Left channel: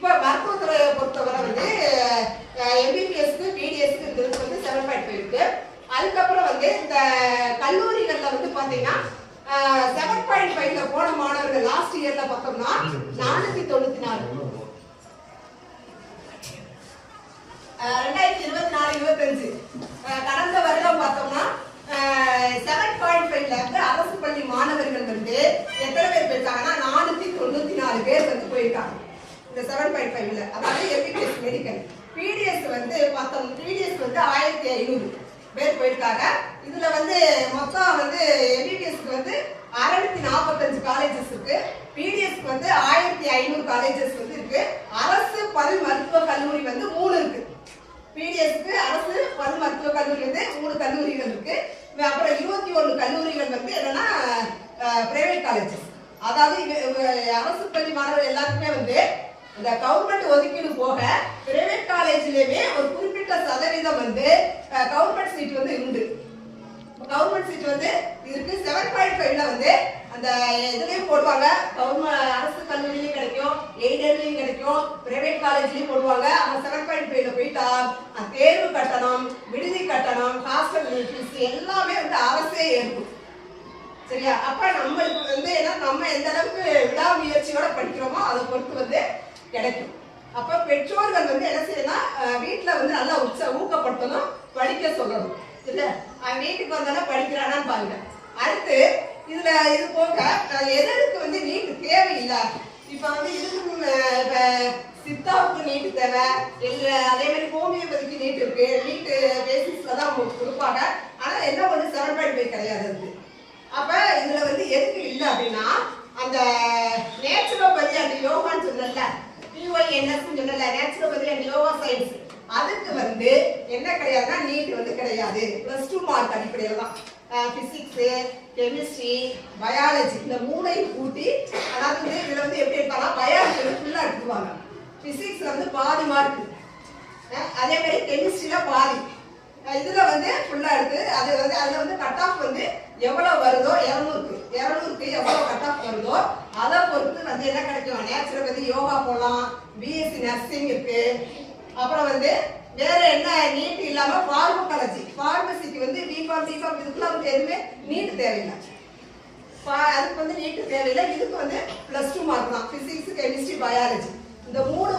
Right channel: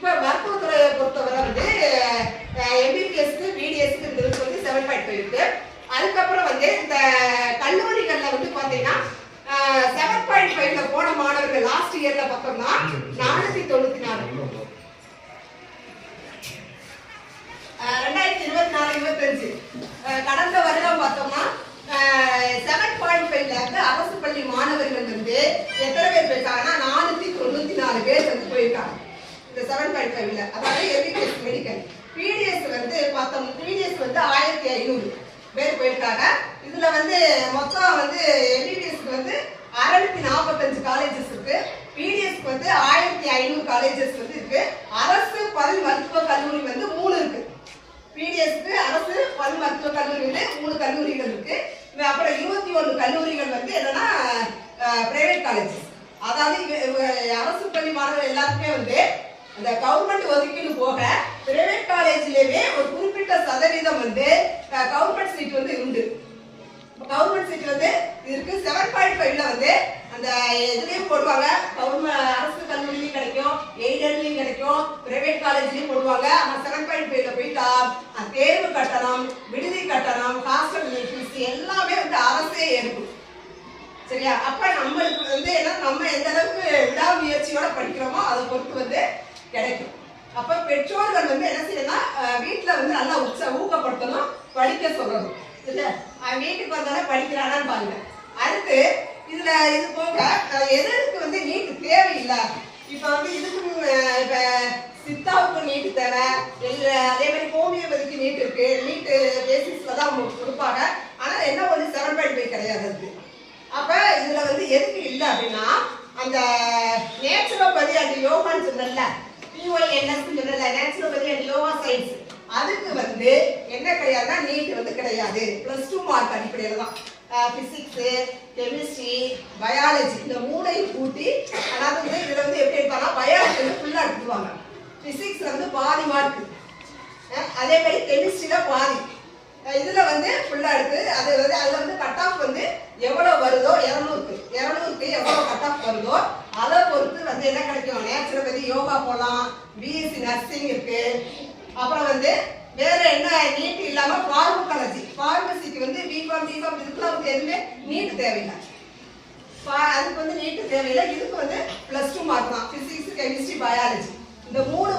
இப்ப மருத்துவத்துறையை பொறுத்தவரை வந்து எம்பிபிஎஸ்க்கு பிடிஎஸ்க்கு இருக்கிறது வந்து 7.5 இருக்கு. அதுக்கப்புறம் வந்து இந்த கல்லூரிகள்ல வந்து பாத்தீங்கன்னா 7.5ல போன மாணவர்கள் லாஸ்ட் இயர்ல பார்த்தோம்னா 494. 2024-25 கடந்த வருடம் பார்த்தோம்னா 7.5ல வந்து அரசு பள்ளி மாணவர்கள் வந்து எத்தனை பேர் போயிருக்காங்கன்னா 494 பேர் வந்து போயிருக்காங்க இந்த 7.5ல. அதாவது எம்பிபிஎஸ் மெடிக்கல். பிடிஎஸ் வந்து பார்த்தோம், பிடிஎஸ் வந்து 1500 பேர் போயிருக்காங்க. இதுல வந்து மொத்தம் வந்து எம்பிபிஎஸ்க்கு வந்து 645 காலேஜஸ் இருக்கு. பிடிஎஸ்க்கு வந்து 1500 காலேஜஸ் வந்து இருக்கு. அரசு பல் மருத்துவ கல்லூரி வந்து 3 இருக்கு. பிடிஎஸ்க்கு அரசு பல் மருத்துவ கல்லூரி வந்து 3 கல்லூரிகள் இருக்கு. அப்புறம் 21 கல்லூரிகள் வந்து என்னன்னா பிரைவேட் காலேஜஸ். அதாவது அரசு பள்ளி மாணவர்கள் எல்லாருக்குமே வந்து இந்த கவர்மெண்ட் ஒதுக்கீடு போக பிரைவேட் காலேஜ்லயுமே ஒரு குறிப்பிட்ட சதவீதம் வந்து கவர்மெண்ட் சீட் வந்து உண்டு. கவர்மெண்ட் சீட் வந்து இருக்கு. 7.5ல வந்து அந்த இதுலயும் போடுவாங்க. கவர்மெண்ட் அரசு கல்லூரிலையும் கிடைக்கும், எய்டட்லயும் கிடைக்கும், பிரைவேட் காலேஜ்லயும் போடுவாங்க. ஆனா 7.5ல போயிட்டா தேர்வு கட்டணம், விடுதி கட்டணம், ஹாஸ்டல் ஃபீஸ் எல்லாமே வந்து அரசே ஏற்கும். சரியா? அப்ப நம்மளுக்கு வந்து நம்ம எந்த அளவுக்கு விடாமுயற்சியோட படிக்கிறோமோ அதை பொறுத்து வந்து கிடைக்கும். அப்ப பெற்றோர்கள் வந்து என்ன செய்யணும், வீட்டுல வந்து நல்லா ஊக்கப்படுத்தணும், படிக்க சொல்லணும். சரியா? அவன் வீட்டுக்கு வந்தாலும் படிக்கிறானான்னு பாருங்க. அடுத்து இதுல இது போக எதற்கு வந்து நீட்டு தேவையில்லை. இப்ப வந்து இதுக்கு இப்ப சித்தாவுக்கு நீட்டு தேவை இல்ல, அதே மாதிரி ஹோமியோபதிக்கு நீட் இருக்கு. நீட்டு பேசிஸ்ல தான் கொடுப்பாங்க. ஆனா என்ன வந்து 7.5 கிடையாது அது. அப்ப இதுல வந்து எதுக்கு இல்லை அப்படின்னா அந்த நேச்சுரோபதி அண்ட் யோகான்னு சொன்னல, PYNS சொன்னல, நேச்சுரோபதி அண்ட் யோகா சயின்ஸ், அதுக்கு வந்து என்ன கிடையாதுன்னா நீட் வந்து கிடையாது. +2 மார்க் அடிப்படையில தான் பிசிக்ஸ், கெமிஸ்ட்ரி, பயாலஜி இந்த 3ஐயும் கூட்டி, அதாவது இதுல வந்து எப்படி இருப்பாங்கன்னா பயாலஜி வந்து ஃபுல்லா எடுத்துருவாங்க. பிசிக்ஸ்ல வந்து பாதி மார்க், அதே மாதிரி கெமிஸ்ட்ரியில பாதி, இதுல வந்து ஃபுல்லா எடுத்து அது வந்து அதுல வந்து கட் ஆஃப் வந்து எவ்வளவு வருதோ 200க்கு எவ்வளவு கட் ஆஃப் வருதோ அதை பொறுத்து வந்து என்ன கிடைக்கும். நேச்சுரோபதி யோகா போகலாம், பிஎஸ்சி நர்சிங் இருக்கு. அப்புறம் வந்து வேற என்ன நீட் இல்லாம பார்மகாலஜி, பார்மசிக்கு வந்து பிஃபார்ம் இதுக்குலாம் வந்து எதுவுமே நீட் தேவையில்லை. அதுக்கு வந்து நீட் தேவையில்லை. இதுக்கு வந்து +2 மார்க் தான். பிசிக்ஸ், கெமிஸ்ட்ரி, பயாலஜி இந்த 3